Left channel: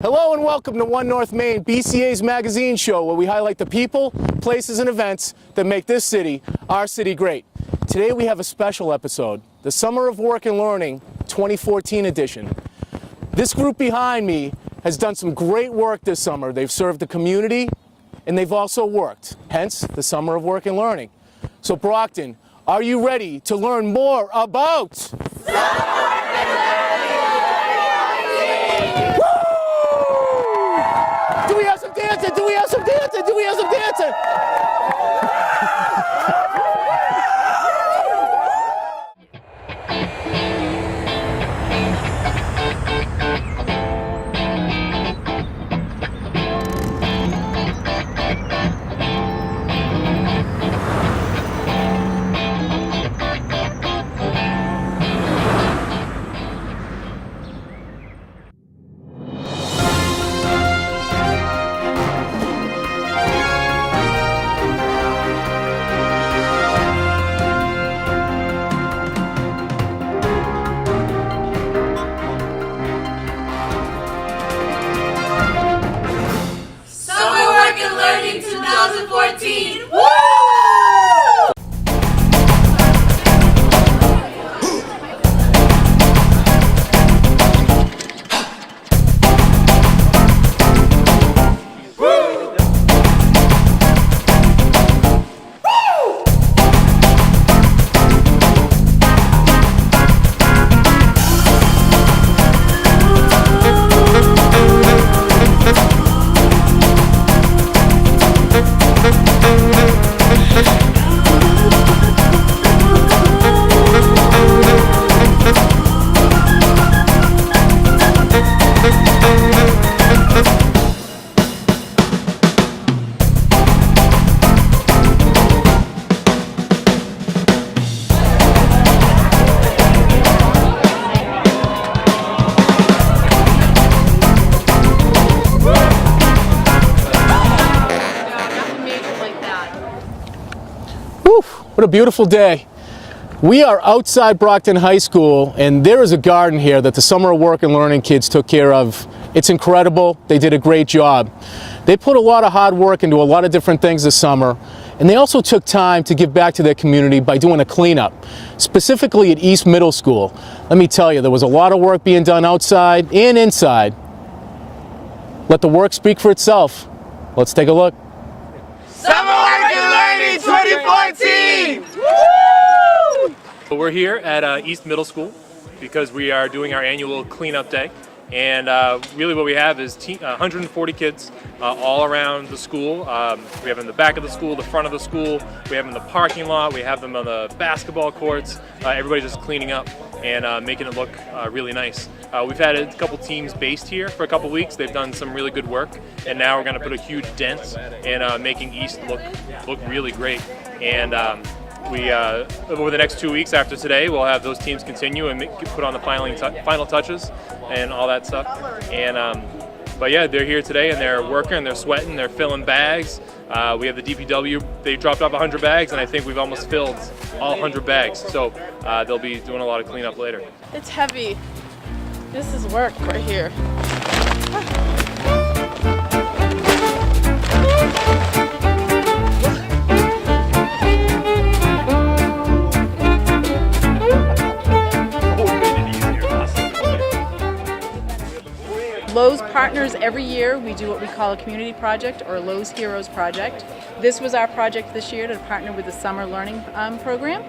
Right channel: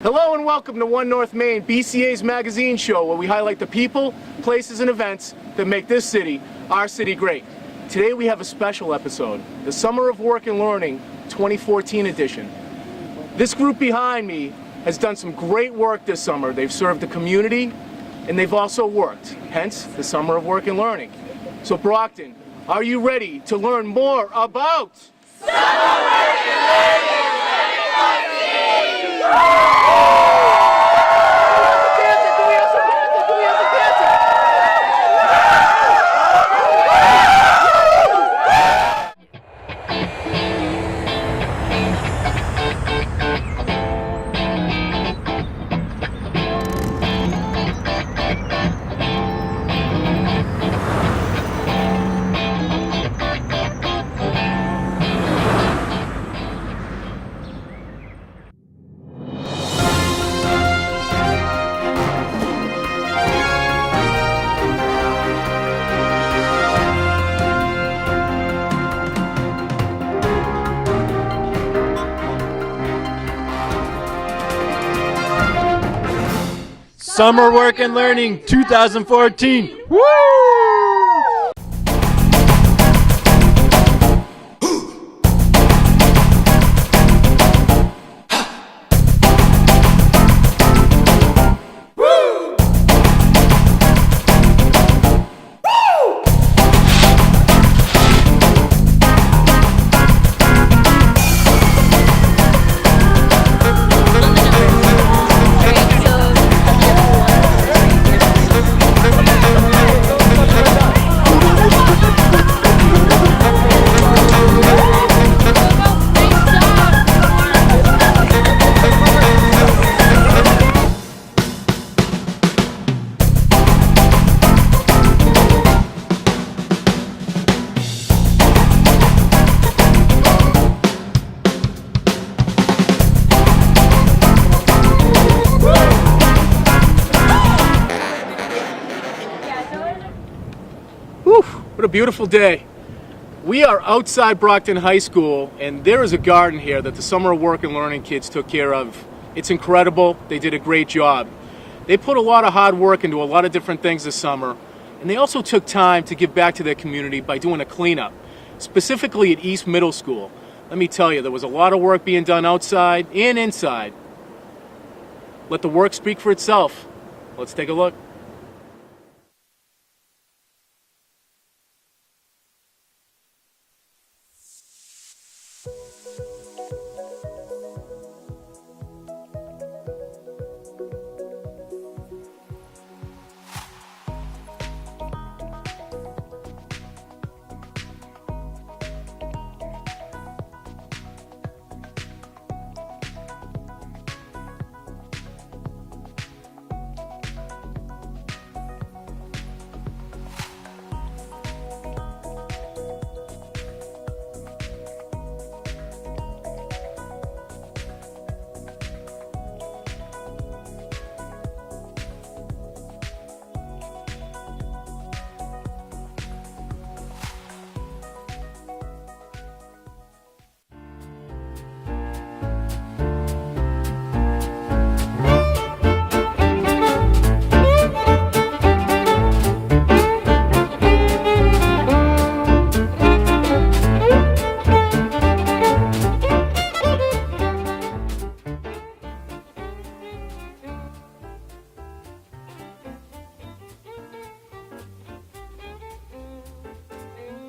Hello and welcome to One North Maine, BCA's magazine show, where we highlight the people, places, and events that make this city, our city, great. Today we have a special episode, the Summer of Work and Learning 2014 edition. This group behind me has done some great work this summer. They've served the community, and they've also worked, hence the Summer of Work and Learning. So Brockton, are you ready to learn more about Summer Work and Learning 2014? Summer Work and Learning 2014. Woo! What a beautiful day. We are outside Brockton High School, and there is a garden here that the Summer of Work and Learning kids took care of. It's incredible. They did a great job. They put a lot of hard work into a lot of different things this summer, and they also took time to give back to their community by doing a cleanup, specifically at East Middle School. Let me tell you, there was a lot of work being done outside and inside. Let the work speak for itself. Let's take a look. Summer Work and Learning 2014! We're here at East Middle School because we are doing our annual cleanup day, and really what we have is 140 kids all around the school. We have them in the back of the school, the front of the school, we have them in the parking lot, we have them on the basketball courts. Everybody's just cleaning up and making it look really nice. We've had a couple teams based here for a couple weeks. They've done some really good work, and now we're going to put a huge dent in making East look really great. And we over the next 2 weeks after today, we'll have those teams continue and put on the final touches and all that stuff. And but yeah, they're here today and they're working, they're sweating, they're filling bags. We have the DPW, they dropped off 100 bags, and I think we've almost filled all 100 bags. So they'll be doing a lot of cleanup later. It's heavy. This is work right here. Lowe's partners every year. We do what we call a community project or Lowe's Heroes Project. This was our project this year to partner with the Summer Learning program.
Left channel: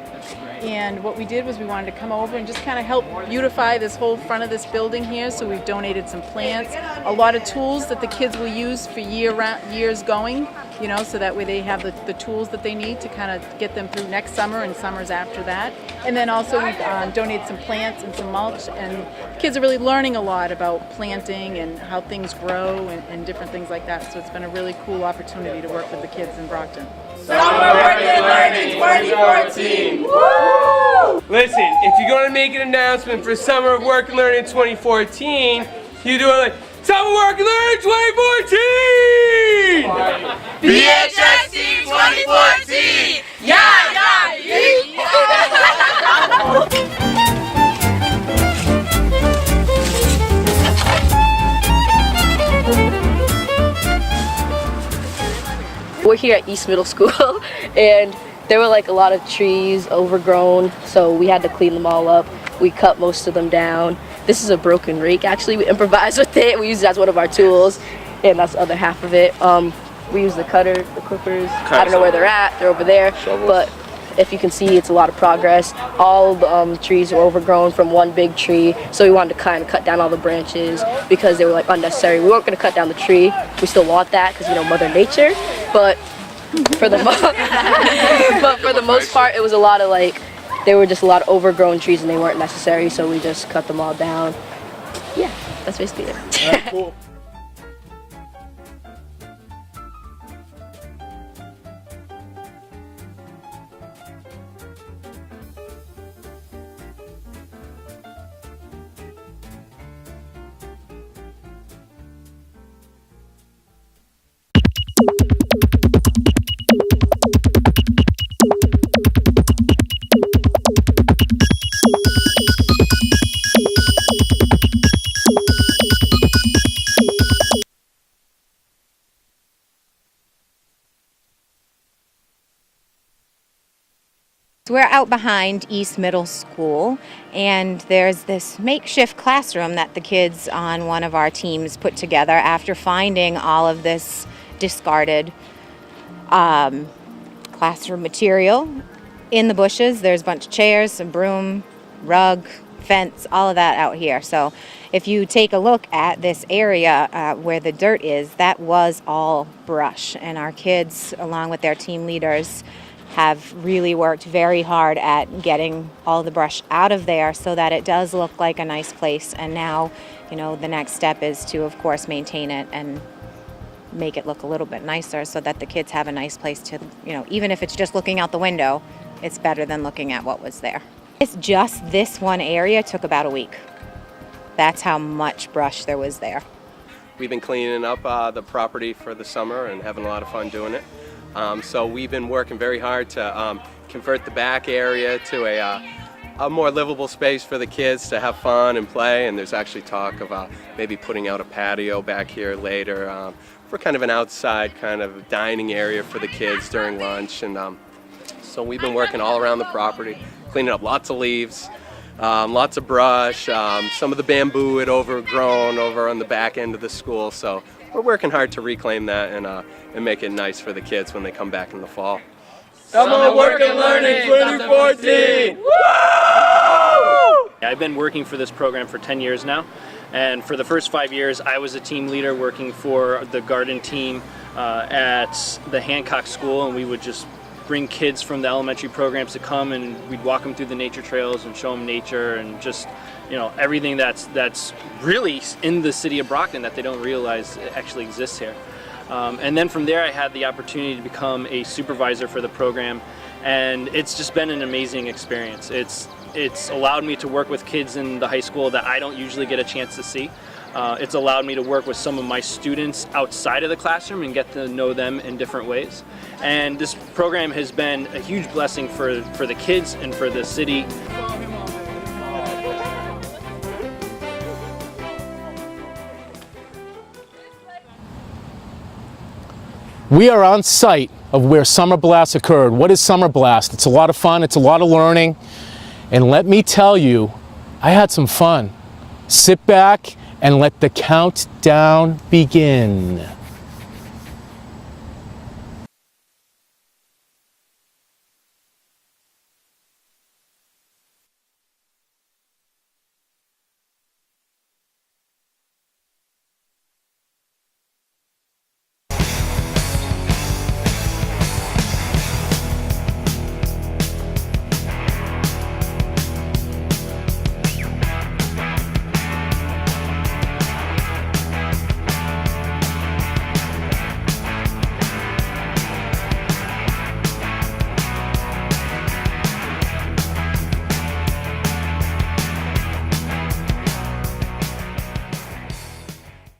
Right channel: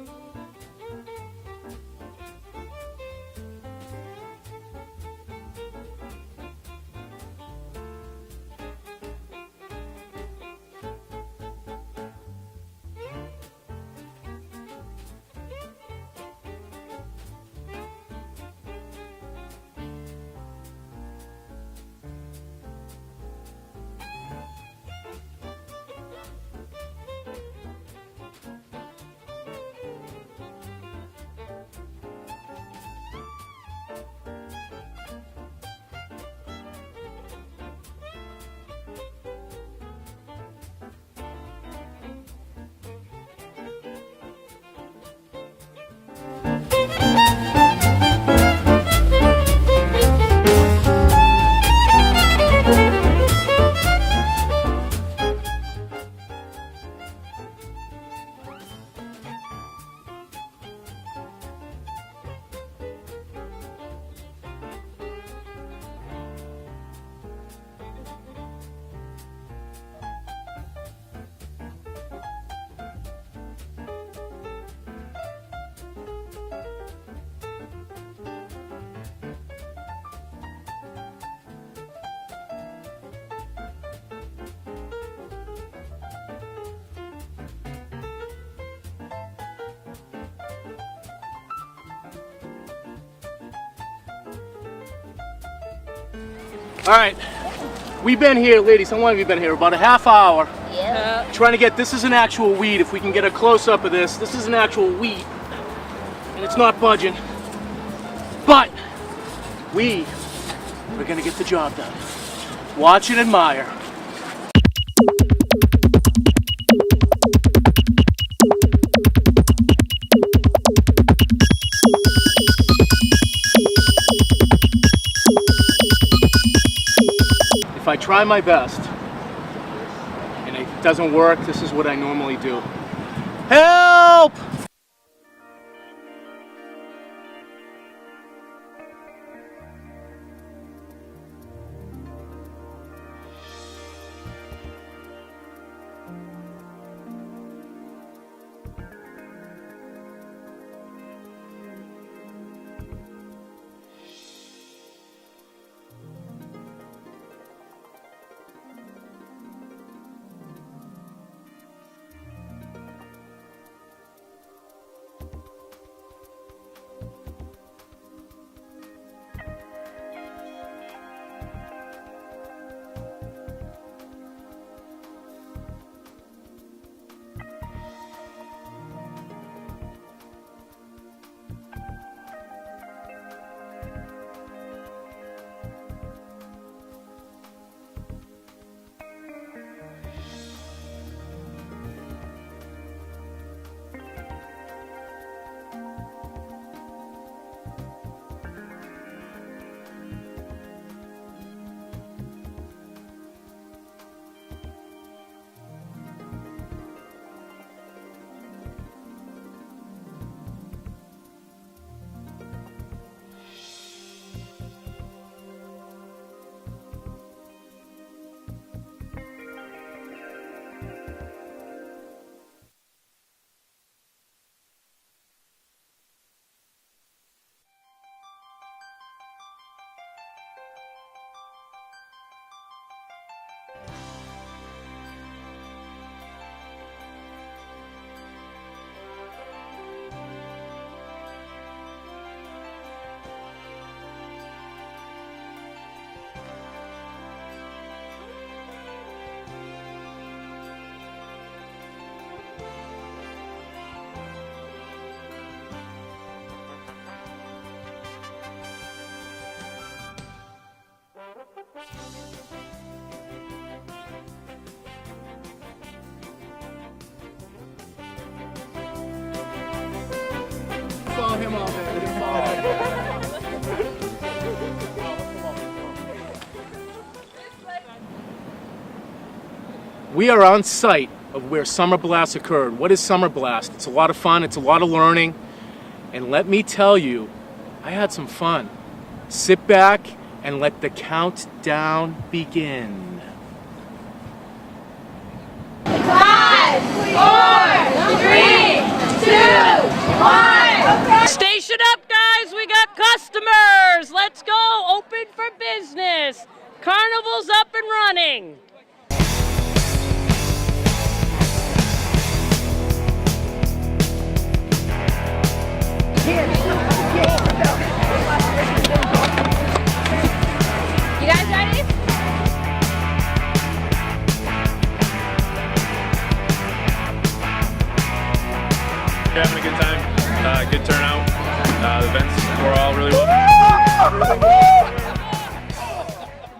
And what we did was we wanted to come over and just kind of help beautify this whole front of this building here. So we've donated some plants, a lot of tools that the kids will use for years going, you know, so that way they have the tools that they need to kind of get them through next summer and summers after that. And then also we've donated some plants and some mulch, and kids are really learning a lot about planting and how things grow and different things like that. So it's been a really cool opportunity to work with the kids in Brockton. Summer Work and Learning 2014! Woo! Listen, if you're going to make an announcement for Summer of Work and Learning 2014, you do it like, Summer Work and Learning 2014! BHSC 2014! Yeah, yeah, yeah! here at East Middle School, and there were like a lot of trees overgrown, so we had to clean them all up. We cut most of them down. This is a broken rake, actually. We improvised with it. We use it as one of our tools, and that's the other half of it. We use the cutter, the clippers. I don't know where they're at. They're over there. But if you can see, it's a lot of progress. All the trees were overgrown from one big tree, so we wanted to kind of cut down all the branches because they were like unnecessary. We weren't going to cut down the tree. We still want that because, you know, Mother Nature. But for the most part, it was a lot of like, there were just a lot of overgrown trees and they weren't necessary, so we just cut them all down. Yeah, that's basically it. All right. We've been here, ladies, how long have you been here? About a half hour. Yeah. Trying to get, this is an actual weed. If we can get a close-up of this, this is an actual weed. And it's not budging. But we are gonna get the job done. Watch and admire. If I try my best and it doesn't work, this is what I normally do. Help! We're out behind East Middle School, and there's this makeshift classroom that the kids on one of our teams put together after finding all of this discarded classroom material in the bushes. There's a bunch of chairs, a broom, rug, fence, all of that out here. So if you take a look at this area where the dirt is, that was all brush, and our kids, along with their team leaders, have really worked very hard at getting all the brush out of there so that it does look like a nice place. And now, you know, the next step is to, of course, maintain it and make it look a little bit nicer so that the kids have a nice place to, you know, even if it's just looking out the window, it's better than looking at what was there. It's just this one area took about a week. That's how much brush there was there. We've been cleaning up the property for the summer and having a lot of fun doing it. So we've been working very hard to convert the back area to a more livable space for the kids to have fun and play. And there's actually talk about maybe putting out a patio back here later for kind of an outside kind of dining area for the kids during lunch. And so we've been working all around the property, cleaning up lots of leaves, lots of brush. Some of the bamboo had overgrown over on the back end of the school. So we're working hard to reclaim that and make it nice for the kids when they come back in the fall. Summer Work and Learning 2014! I've been working for this program for 10 years now, and for the first 5 years I was a team leader working for the garden team at the Hancock School, and we would just bring kids from the elementary programs to come and we'd walk them through the nature trails and show them nature and just, you know, everything that's really in the city of Brockton that they don't realize actually exists here. And then from there I had the opportunity to become a supervisor for the program, and it's just been an amazing experience. It's allowed me to work with kids in the high school that I don't usually get a chance to see. It's allowed me to work with some of my students outside of the classroom and get to know them in different ways. And this program has been a huge blessing for the kids and for the city. Follow him all day. We are on site of where Summer Blast occurred. What is Summer Blast? It's a lot of fun, it's a lot of learning, and let me tell you, I had some fun. Sit back and let the countdown begin. 5, 4, 3, 2, 1. Station up, guys. We got customers. Let's go. Open for business. Carnival's up and running. Having a good time, good turnout. The events were all really well.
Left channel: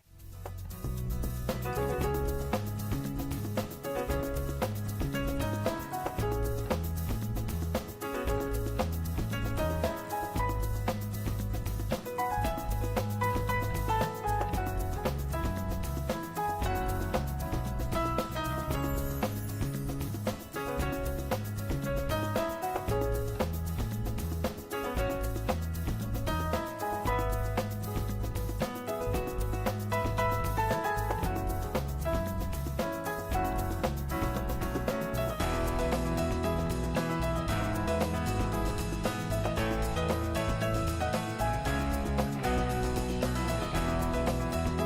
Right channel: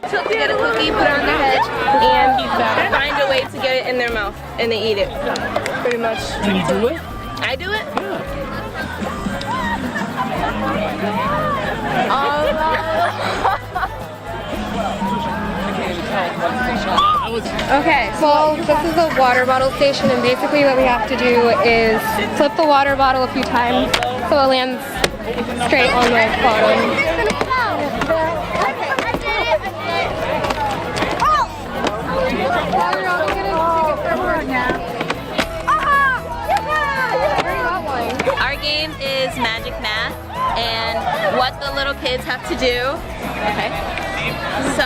So they get a cookie, put it on their head, and find a way to get it in their mouth, and they eat it. Pretty much. Can you do it? I do it? I was Okay, so this is a water bottle station, and basically what we have to do is flip the water bottle a few times so it lands straight on the bottom. Our game is Magic Math, and what the little kids have to do. Okay. So,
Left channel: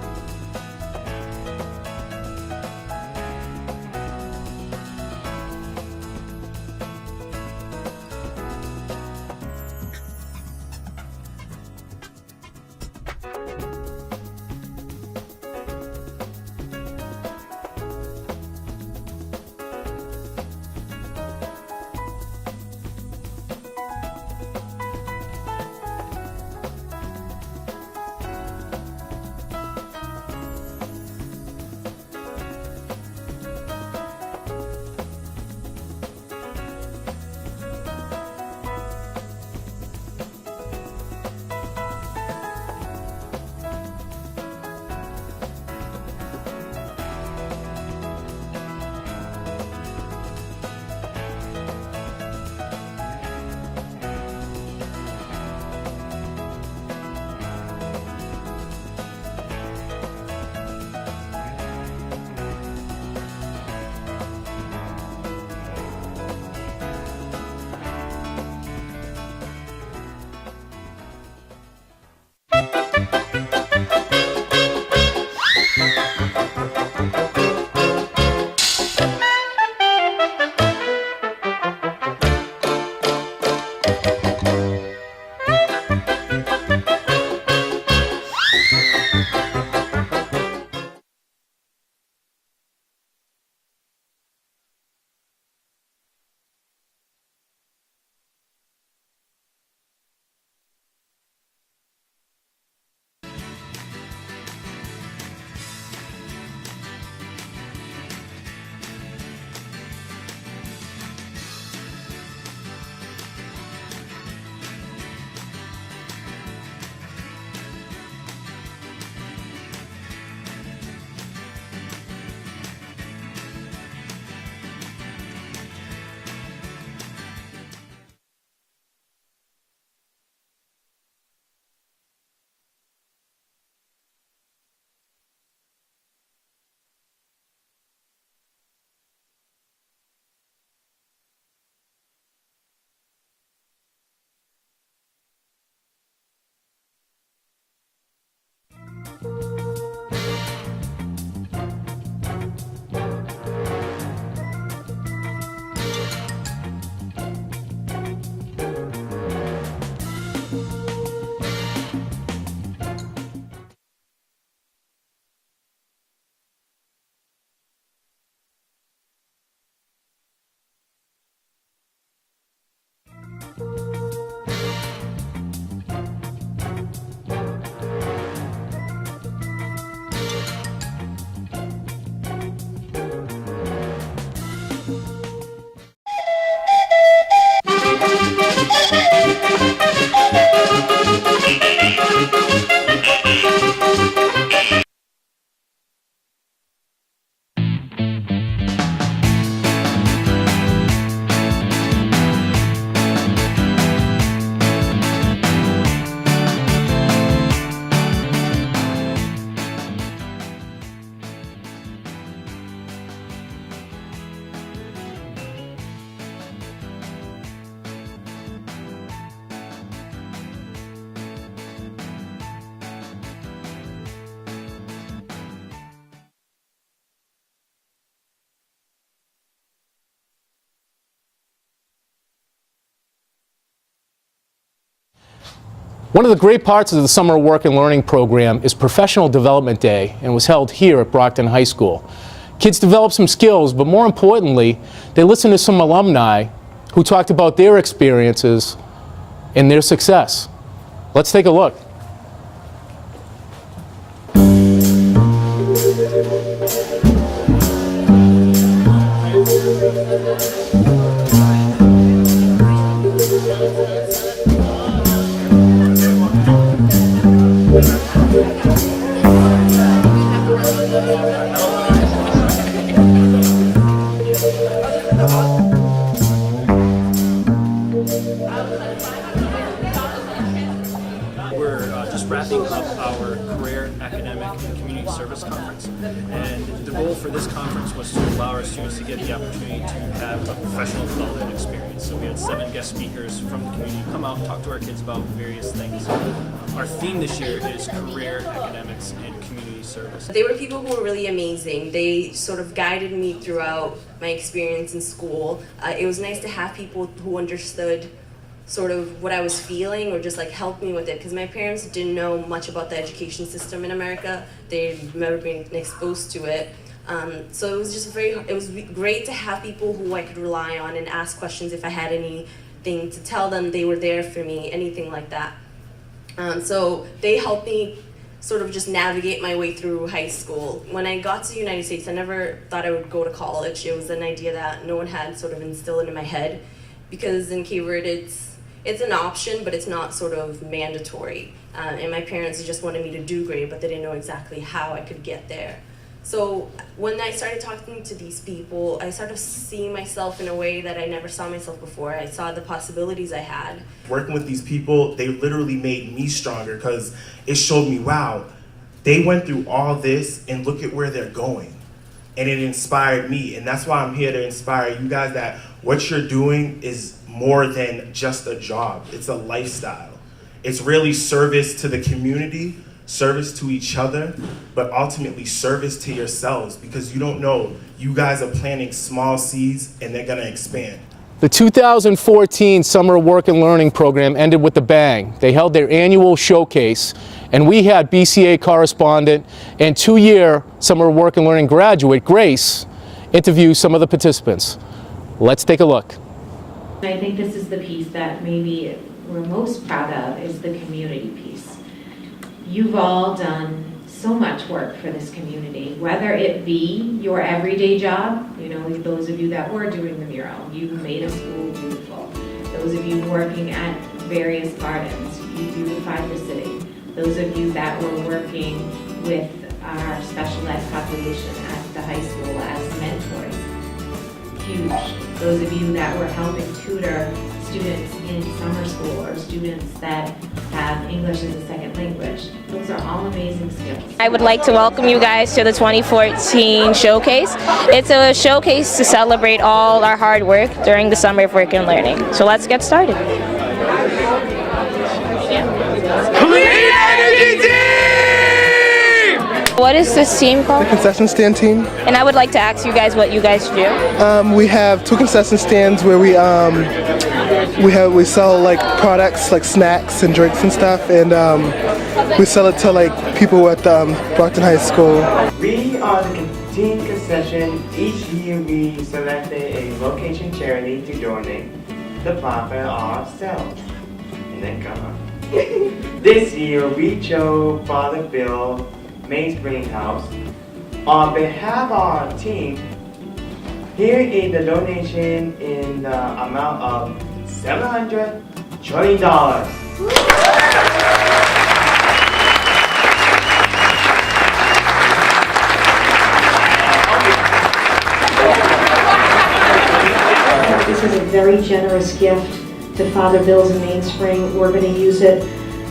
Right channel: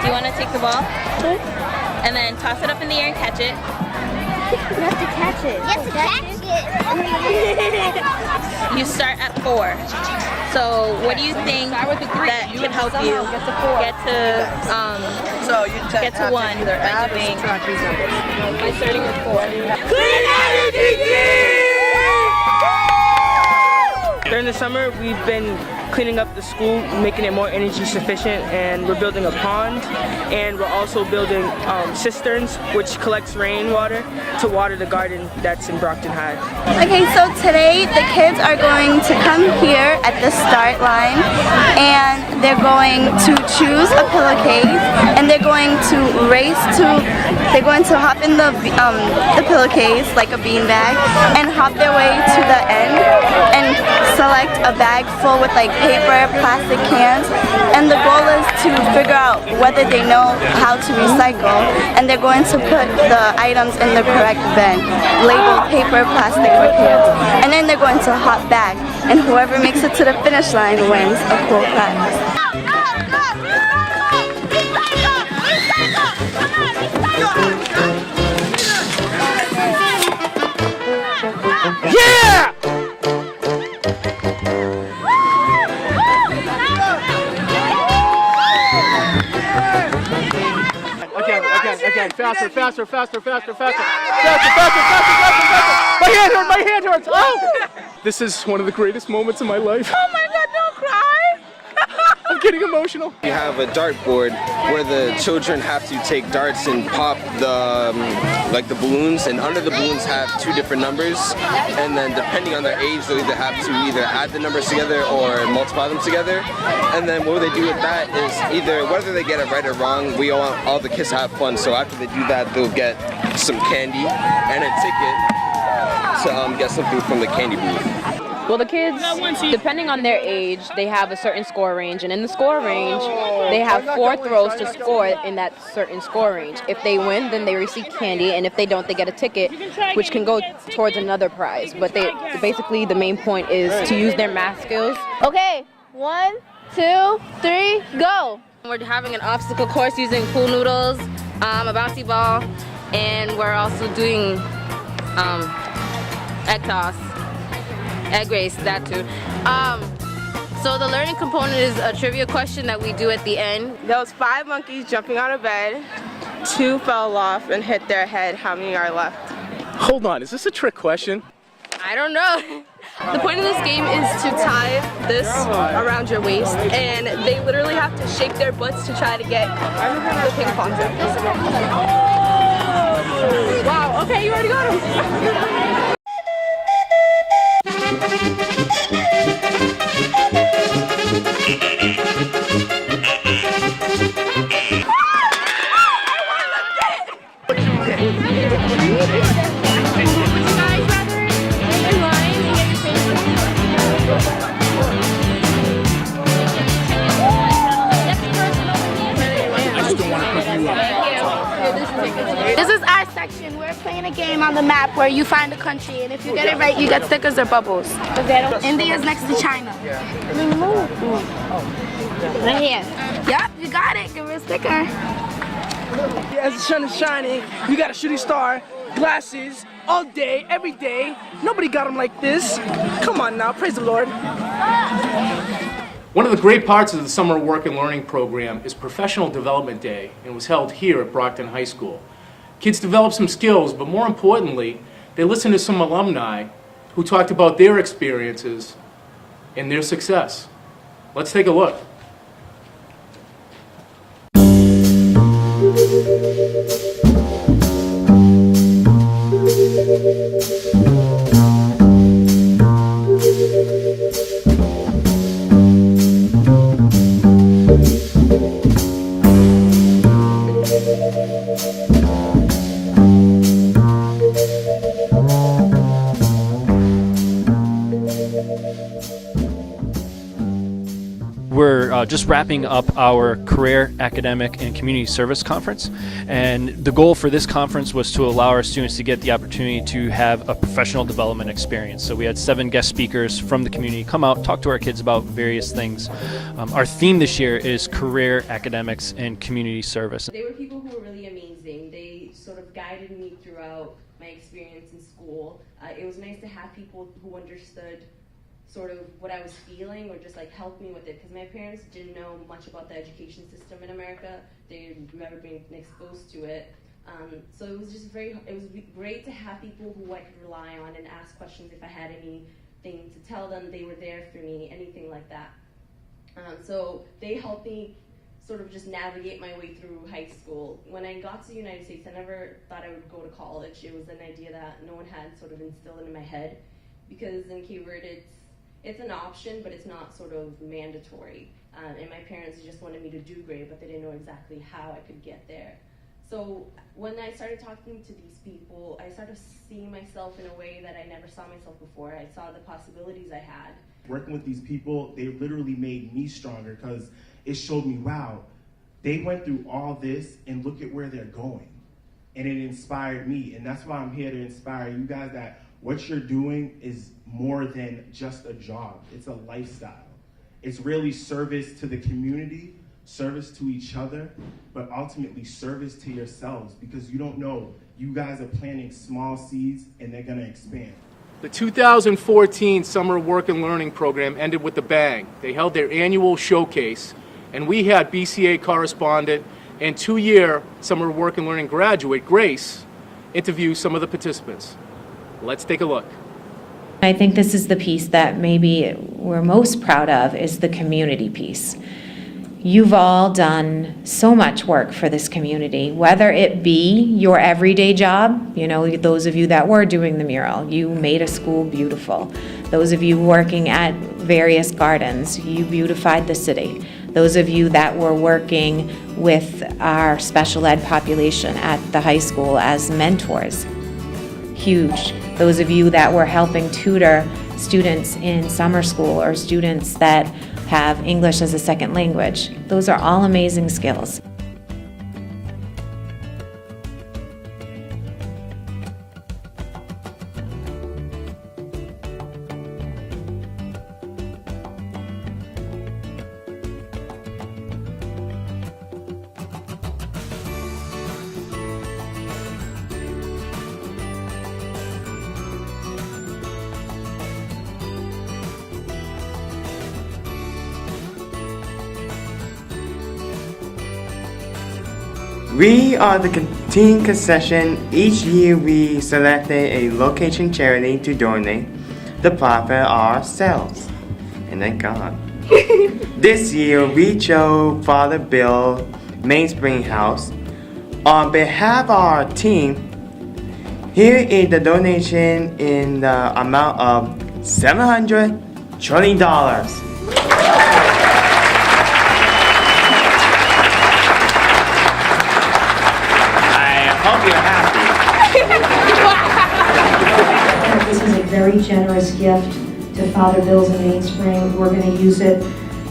do you want to take the ball? And then toss it up in the air and catch it. You have to catch it. You start at 4. So, what do you think that could help you get to 1 by doing? By starting with 4. Clean energy! During the summer, we've been cleaning up the school, making it more energy sufficient, and we're building a pond, and we're also building cisterns, which collects rainwater to water the garden that's in Brockton High. Okay, so today the kids are going to come here at the start line, and they're going to choose a pillowcase, and they're going to hop in the pillowcase like a beanbag, and hop their way to the end, and select a bag full with like paper, plastic cans, and the goal is to figure out whether they know how to recycle, and they're going to put the items in the correct bin, labeled paper, plastic, or cans, and then they're going to hop back, and whoever makes it to the finish line wins a cool prize. Yeah! Again, faster. My hand hurts. Oh! This is one of the greatest moments of my life. Oh my God, don't cry! I'm getting emotional. We have a dartboard where the children have to take darts and pop the balloons, and under the balloons have 2 different numbers, and then depending on their age, they'll either add the numbers together or multiply them together. And then what they do with that is either whether they get it right or wrong, we want all the kids to have fun. So after they do that, they'll get some candy and a ticket to get something from the candy booth. Well, the kids, depending on their age, they have a certain score range, and in the score range, they have 4 throws to score in that certain score range. If they win, then they receive candy, and if they don't, they get a ticket, which can go towards another prize. But basically, the main point is to use their math skills. Okay, 1, 2, 3, go! We're having an obstacle course using pool noodles, a bouncy ball, and we're also doing egg toss. Egg race, that too. So the learning component is a trivia question that we do at the end. There was 5 monkeys jumping on a bed, 2 fell off and hit their head. How many are left? Hold on, is this a trick question? I don't know. The point of this game is to tie this around your waist, and they literally have to shake their butts to try to get the ping pong tip. Wow, okay, you already got him. This is our section. We're playing a game on the map where you find a country, and if you get it right, you get stickers or bubbles. India's next to China. Right here. Yep, you got it. Give me a sticker. As the sun is shining, you got a shooting star, glasses, all day, every day. Nobody got them like this. Come on now, praise the Lord. One of the great parts of the Summer Work and Learning program is Professional Development Day, and was held here at Brockton High School. Kids develop some skills, but more importantly, they listen to some alumni who talked about their experiences and their success. Let's take a look. wrapping up our Career, Academic, and Community Service Conference. And the goal for this conference was to allow our students to get the opportunity to have a professional development experience. So we had 7 guest speakers from the community come out, talk to our kids about various things. Our theme this year is Career, Academics, and Community Service. They were people who were really amazing. They sort of guided me throughout my experience in school. It was nice to have people who understood sort of what I was feeling or just like helped me with it, because my parents didn't know much about the education system in America. They'd never been exposed to it. So it was just it was great to have people who I could rely on and ask questions if I had anything to tell them. They were there for me, anything like that. So they helped me sort of just navigate my way through high school. When I got to the United States, I never thought I would go to college. It was an idea that no one had sort of instilled into my head, because in Cape Verde it's an option, but it's not sort of mandatory. And my parents just wanted me to do great, but they didn't know exactly how I could get there. So when I started talking to these people, I started seeing myself in a way that I never saw myself before. I saw the possibilities I had. Working with these people, they literally made me stronger, because it showed me, wow, they went through all this and look at where they're going. And it inspired me, and that's why I'm here to inspire you guys that what you're doing is more than just a job. It's a lifestyle. It's really service to the community, service to each other, but ultimately service to yourselves, because you don't know, you guys are planting small seeds and they're gonna expand. The 2014 Summer Work and Learning program ended with a bang. They held their annual showcase, and we had BCA correspondent and 2-year Summer Work and Learning graduate, Grace, interview some of the participants. Let's take a look. I think this is the piece that maybe we're most proud of, is the community piece. You've all done so much work for this community, whether it be your everyday job, you know, those of you that were doing the mural, you made a school beautiful. Those of you working at various gardens, you beautified the city. Those of you that were working with our special ed population at the high school as mentors, huge. Those of you that were helping tutor students in summer school or students that have English as a second language. Those are all amazing skills. I would like to welcome you guys to the 2014 Showcase. It's a showcase to celebrate all our hard work during the Summer of Work and Learning. So let's get started. What is this team called? The concession stand team. And I would like to ask you guys what you guys do. We have 2 concession stands where we sell like products like snacks and drinks and stuff, and we sell it to like people at Brockton High School. We are the teen concession. Each year we selected a location charity to donate the profit ourselves, and then gone. This year we chose Father Bill Mainspring House. On behalf of our team, here is the donation in the amount of $720. This is a very generous gift to Father Bill's in Mainspring. We're going to use it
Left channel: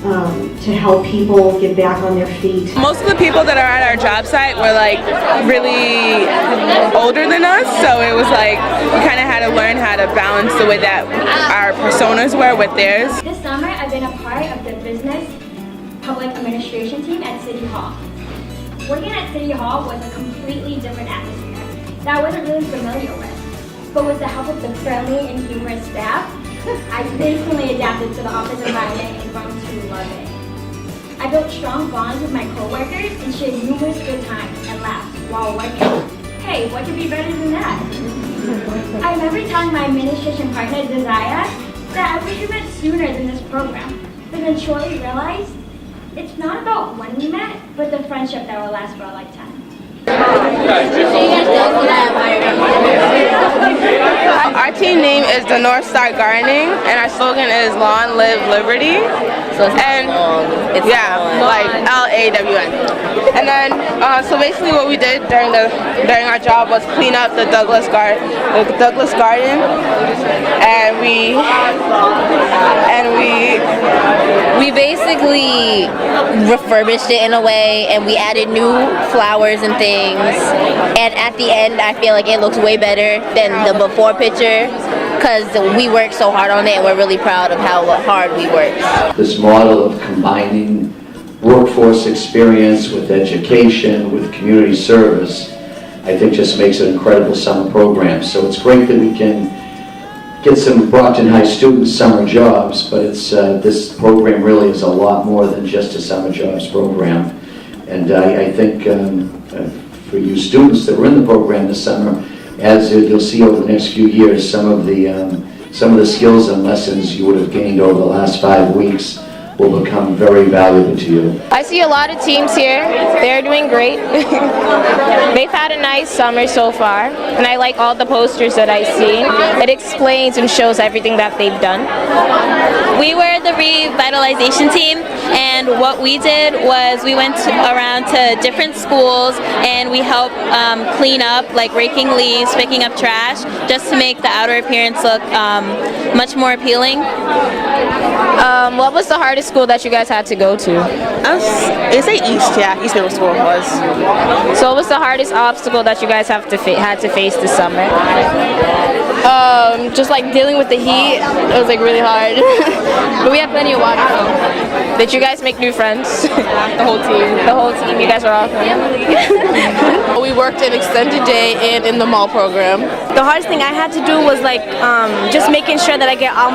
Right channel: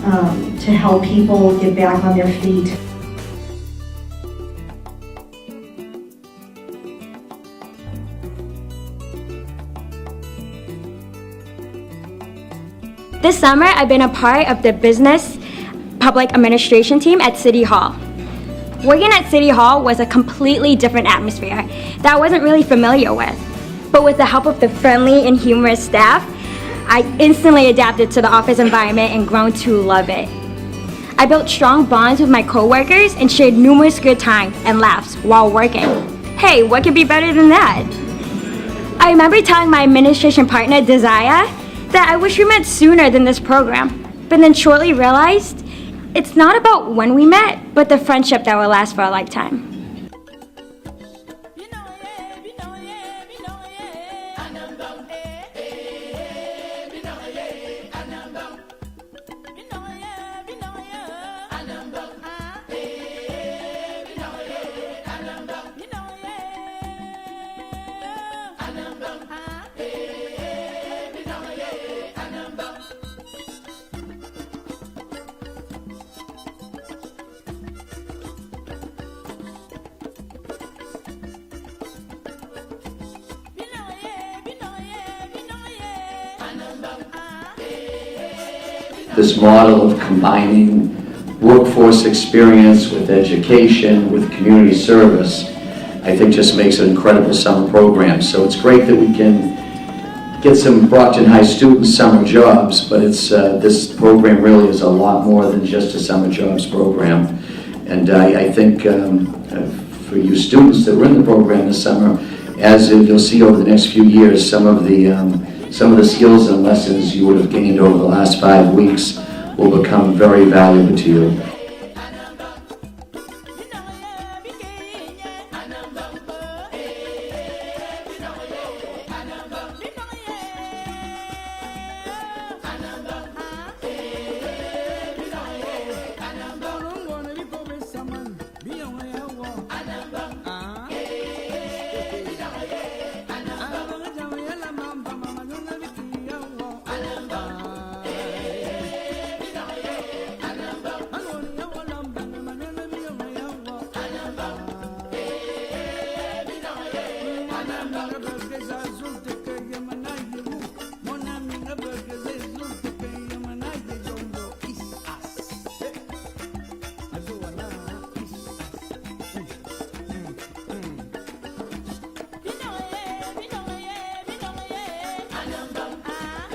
to help people get back on their feet. Most of the people that are at our job site were like really older than us, so it was like we kind of had to learn how to balance the way that our personas were with theirs. This summer I've been a part of the business public administration team at City Hall. Working at City Hall was a completely different atmosphere that I wasn't really familiar with. But with the help of the friendly and humorous staff, I instantly adapted to the office environment and grown to love it. I built strong bonds with my coworkers and shared numerous good times and laughs while working. Hey, what could be better than that? I remember telling my administration partner, Desire, that I wish we met sooner than this program, but then shortly realized it's not about when we met, but the friendship that will last for a lifetime. Our team name is the North Star Gardening, and our slogan is Lawn, Live, Liberty. So it's and long. It's yeah, long. like LAWN. And then, so basically what we did during our job was clean up the Douglas Garden, and we basically refurbished it in a way, and we added new flowers and things. And at the end, I feel like it looks way better than the before picture, because we worked so hard on it, and we're really proud of how hard we worked. This model of combining workforce experience with education, with community service, I think just makes an incredible summer program. So it's great that we can get some Brockton High students summer jobs, but it's this program really is a lot more than just a summer jobs program. And I think for you students that were in the program this summer, as you'll see over the next few years, some of the skills and lessons you would have gained over the last 5 weeks will become very valuable to you. I see a lot of teams here. They're doing great. They've had a nice summer so far, and I like all the posters that I see. It explains and shows everything that they've done. We were the revitalization team, and what we did was we went around to different schools and we helped clean up, like raking leaves, picking up trash, just to make the outer appearance look much more appealing. What was the hardest school that you guys had to go to? It's East Middle School was. So what was the hardest obstacle that you guys had to face this summer? Just like dealing with the heat, it was like really hard. But we have plenty of water. So. Did you guys make new friends? The whole team. The whole team. You guys were awesome. We worked an extended day and in the mall program. The hardest thing I had to do was like just making sure that I get all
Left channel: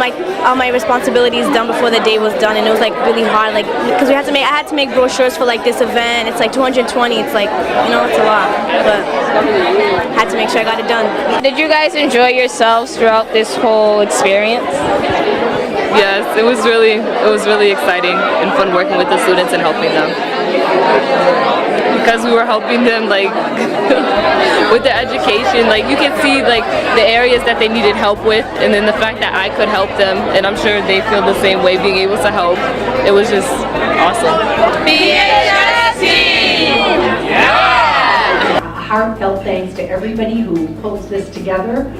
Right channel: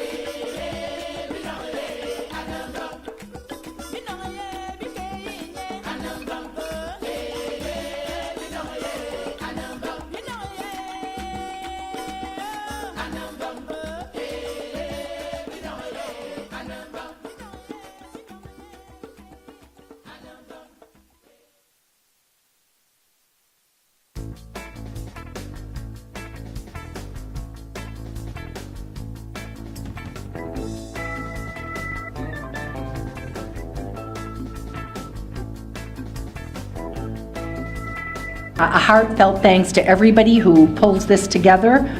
my responsibilities done before the day was done, and it was like really hard, like because I had to make brochures for like this event. It's like 220. It's like it's a lot, but I had to make sure I got it done. Did you guys enjoy yourselves throughout this whole experience? Yes, it was really exciting and fun working with the students and helping them. Because we were helping them like with their education, like you can see like the areas that they needed help with, and then the fact that I could help them, and I'm sure they feel the same way, being able to help. It was just awesome. A heartfelt thanks to everybody who pulls this together,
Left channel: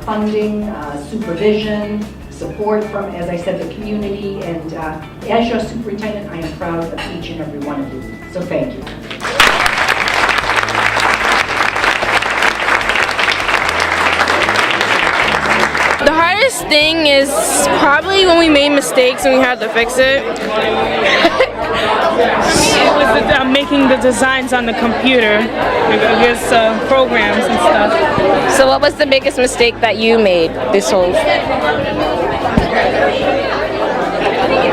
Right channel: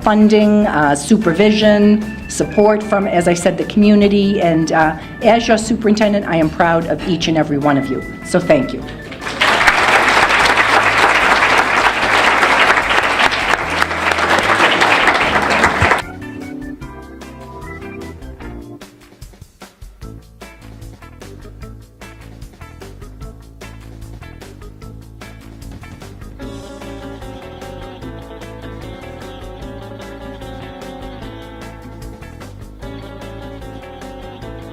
funding, supervision, support from, as I said, the community, and as your superintendent, I am proud of each and every one of you. So thank you. The hardest thing is probably when we made mistakes and we had to fix it. It was making the designs on the computer, I guess programs and stuff. So what was the biggest mistake that you made this whole?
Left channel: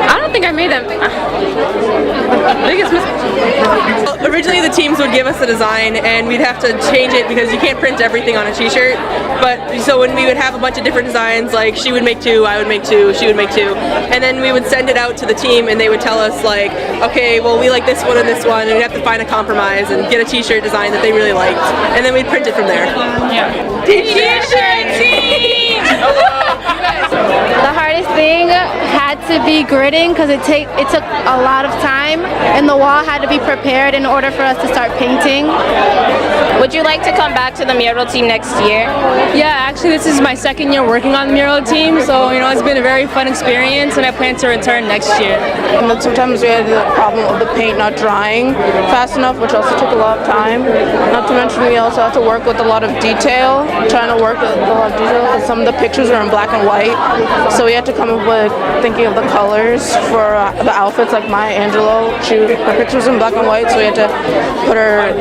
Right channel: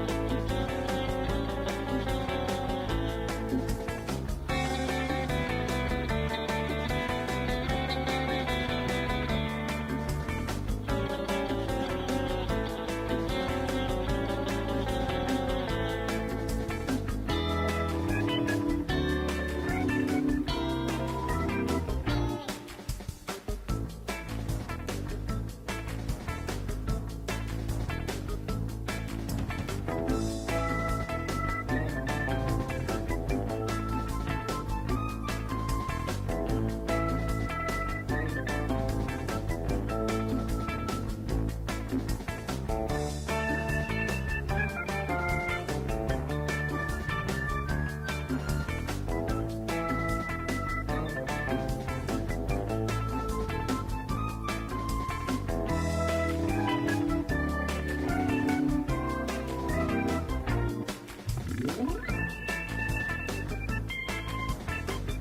I don't think I made that biggest mistake. Originally the teams would give us a design and we'd have to change it because you can't print everything on a t-shirt. But so when we would have a bunch of different designs, like she would make 2, I would make 2, she would make 2, and then we would send it out to the team and they would tell us like, okay, well we like this one and this one, and we'd have to find a compromise and get a t-shirt design that they really liked, and then we'd print it from there. Yeah. T-shirt team! The hardest thing had to be gridding because it took a lot of time, and the wall had to be prepared in order for us to start painting. Would you like to come back to the mural team next year? Yeah, actually this is my second year working on the mural team, so it's been a very fun experience, and I plan to return next year. Sometimes we had the problem of the paint not drying fast enough, which also took a lot of time. Not to mention we also had to work with a lot of detail, trying to work with a lot of detail, because some of the pictures are in black and white, so we had to come up with thinking of the colors for the outfits. Like Maya Angelou, her picture was in black and white, so we had to put her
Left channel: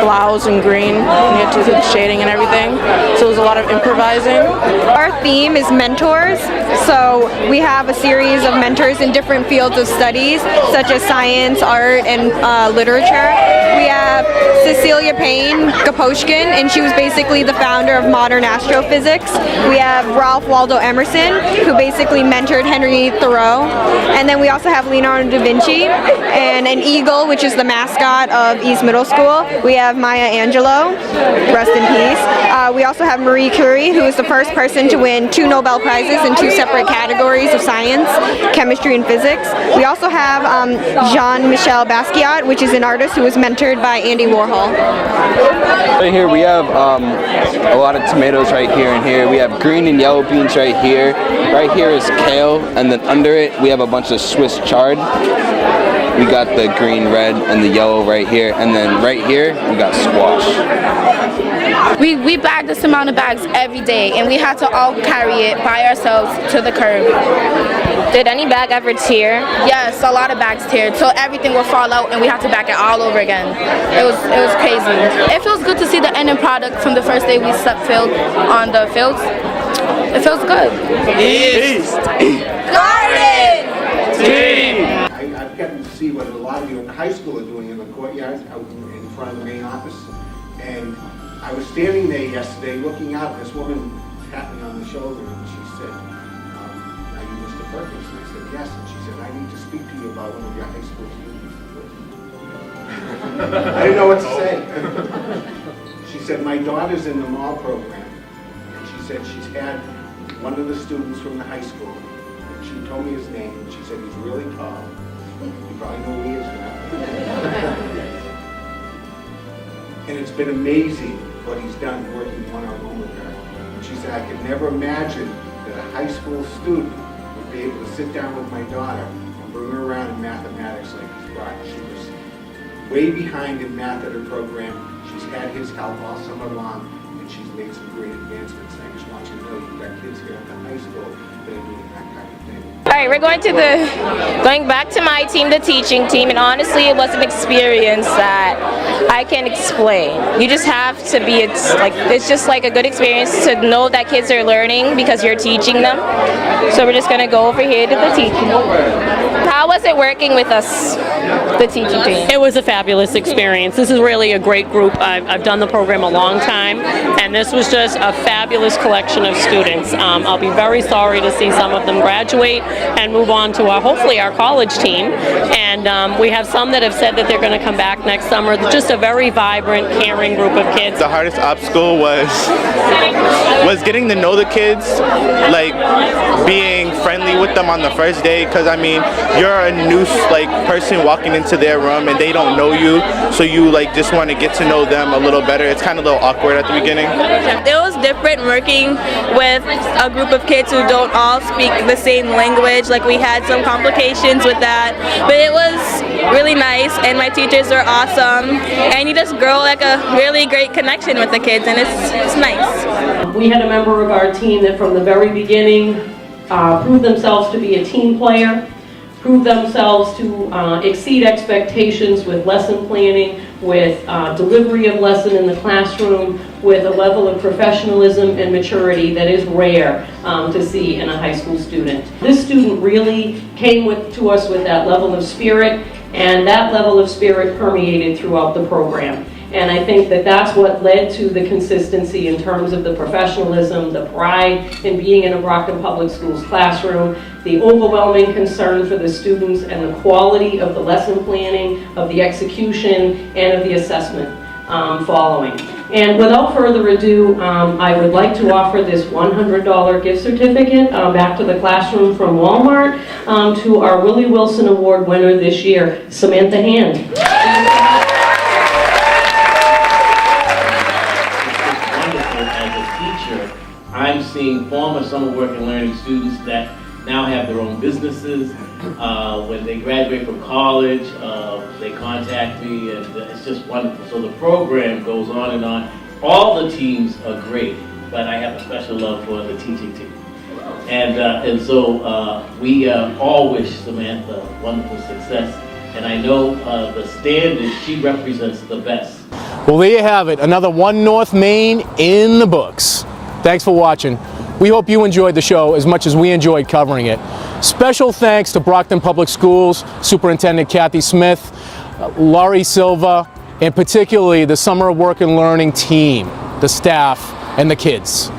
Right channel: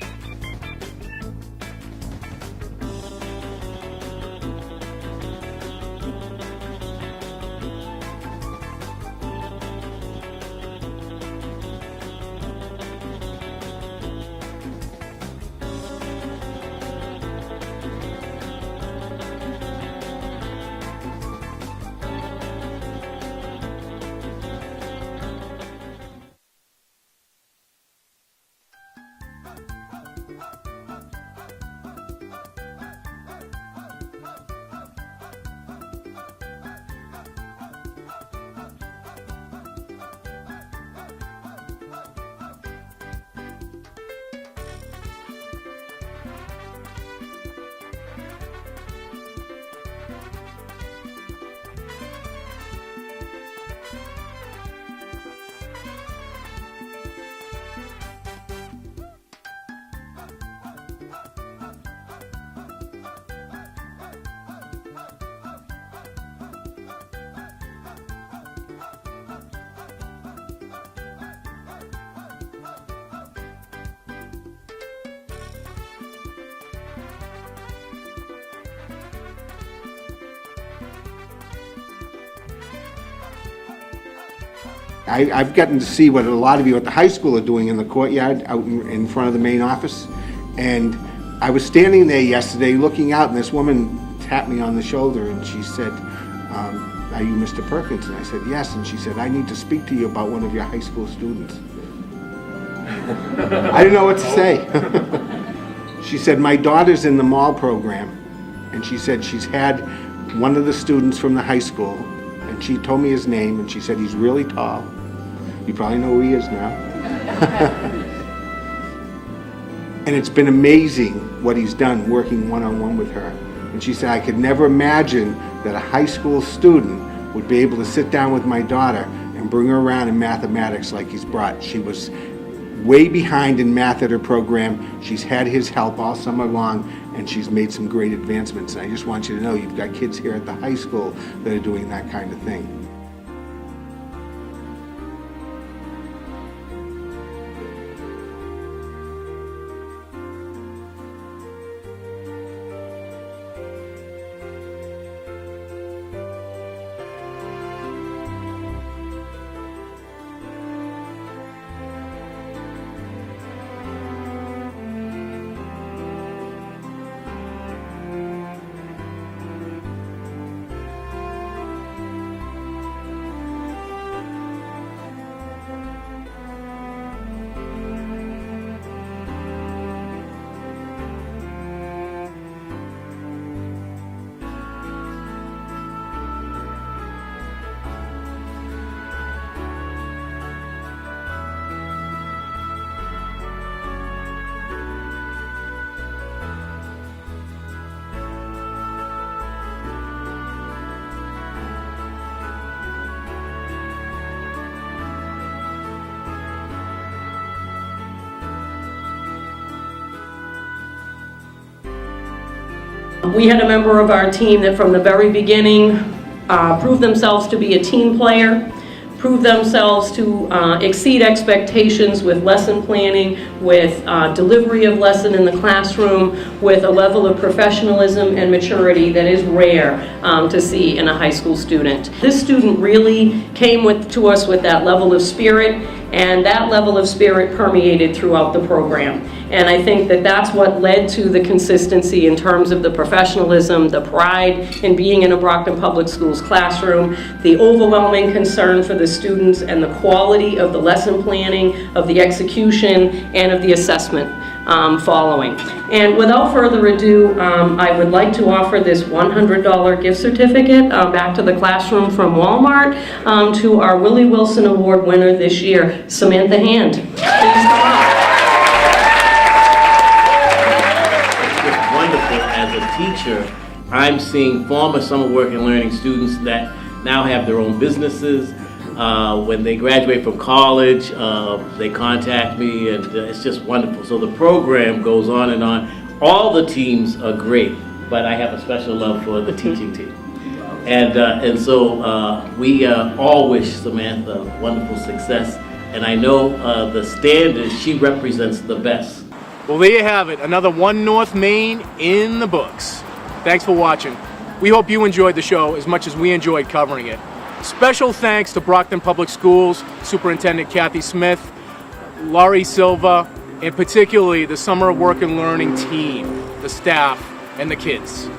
blouse in green, and we had to do the shading and everything, so it was a lot of improvising. Our theme is mentors, so we have a series of mentors in different fields of studies, such as science, art, and literature. We have Cecilia Payne Gaposchkin, and she was basically the founder of modern astrophysics. We have Ralph Waldo Emerson, who basically mentored Henry Thoreau. And then we also have Leonardo da Vinci, and an eagle, which is the mascot of East Middle School. We have Maya Angelou, rest in peace. We also have Marie Curie, who is the first person to win 2 Nobel Prizes in 2 separate categories of science, chemistry and physics. We also have Jean-Michel Basquiat, which is an artist who was mentored inspired by Andy Warhol. Right here we have a lot of tomatoes right here and here. We have green and yellow beans right here. Right here is kale, and then under it we have a bunch of Swiss chard. We got the green, red, and the yellow right here, and then right here we got squash. We bag this amount of bags every day, and we had to all carry it by ourselves to the curb. Did any bag ever tear? Yes, a lot of bags teared, so everything would fall out, and we had to back it all over again. It was crazy. It feels good to see the end product from the first day we stepped field on the fields. It feels good. East Garden Team! I've gotten to see what a lot of you at the high school are doing in the courtyard out in front of the main office. And I was standing there yesterday looking out, and this woman tapped me on the shoulder and she said, "Are you Mr. Perkins?" And I said, "Yes." And she said, "I need to speak to you about one of your high school students." I didn't know what to say. She said, "My daughter's in the mall program," and she said she's had one of the students from the high school, and she told me his name, and she said he's really tall. You probably know who he is now. And it's been amazing what he's done working one-on-one with her. And she said, "I could never imagine that a high school student would be able to sit down with my daughter and bring her around in mathematics like he's brought." She was way behind in math at her program. She's had his help all summer long, and she's made some great advancements. And I just want you to know you've got kids here at the high school that are doing that kind of thing. All right, we're going back to my team, the teaching team, and honestly, it was an experience that I can't explain. You just have to be, it's just like a good experience to know that kids are learning because you're teaching them. So we're just gonna go over here to the teaching. How was it working with us, the teaching team? It was a fabulous experience. This is really a great group. I've done the program a long time, and this was just a fabulous collection of students. I'll be very sorry to see some of them graduate and move on to hopefully our college team. And we have some that have said that they're going to come back next summer. Just a very vibrant, caring group of kids. The hardest obstacle was getting to know the kids, like being friendly with them on the first day, because I mean, you're a new person walking into their room and they don't know you, so you just want to get to know them a little better. It's kind of a little awkward at the beginning. It was different working with a group of kids who don't all speak the same language. We had some complications with that, but it was really nice, and my teachers were awesome, and you just grow a really great connection with the kids, and it's nice. We had a member of our team that from the very beginning proved themselves to be a team player, proved themselves to exceed expectations with lesson planning, with delivery of lesson in the classroom, with a level of professionalism and maturity that is rare to see in a high school student. This student really came to us with that level of spirit, and that level of spirit permeated throughout the program. And I think that that's what led to the consistency in terms of the professionalism, the pride in being in a Brockton Public Schools classroom, the overwhelming concern for the students, and the quality of the lesson planning, of the execution, and of the assessment following. And without further ado, I would like to offer this $100 gift certificate back to the classroom from Walmart to our Willie Wilson Award winner this year, Samantha Hand. I'm seeing former summer work and learning students that now have their own businesses. When they graduate from college, they contact me, and it's just wonderful. So the program goes on and on. All the teams are great, but I have a special love for the teaching team. And so we all wish Samantha wonderful success. And I know the standard, she represents the best. Well, there you have it. Another One North Main in the books. Thanks for watching. We hope you enjoyed the show as much as we enjoyed covering it. Special thanks to Brockton Public Schools Superintendent Kathy Smith, Laurie Silva, and particularly the Summer Work and Learning team, the staff, and the kids.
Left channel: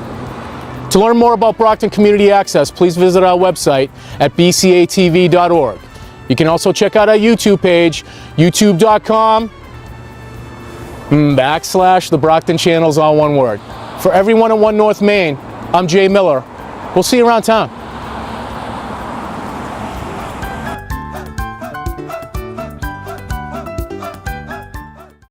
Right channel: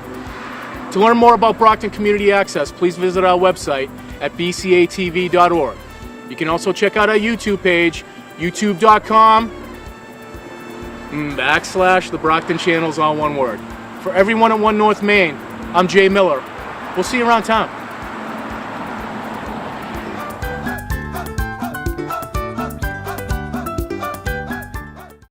To learn more about Brockton Community Access, please visit our website at bcatv.org. You can also check out our YouTube page, youtube.com/the Brockton Channels, all one word. For everyone in One North Main, I'm Jay Miller. We'll see you around town.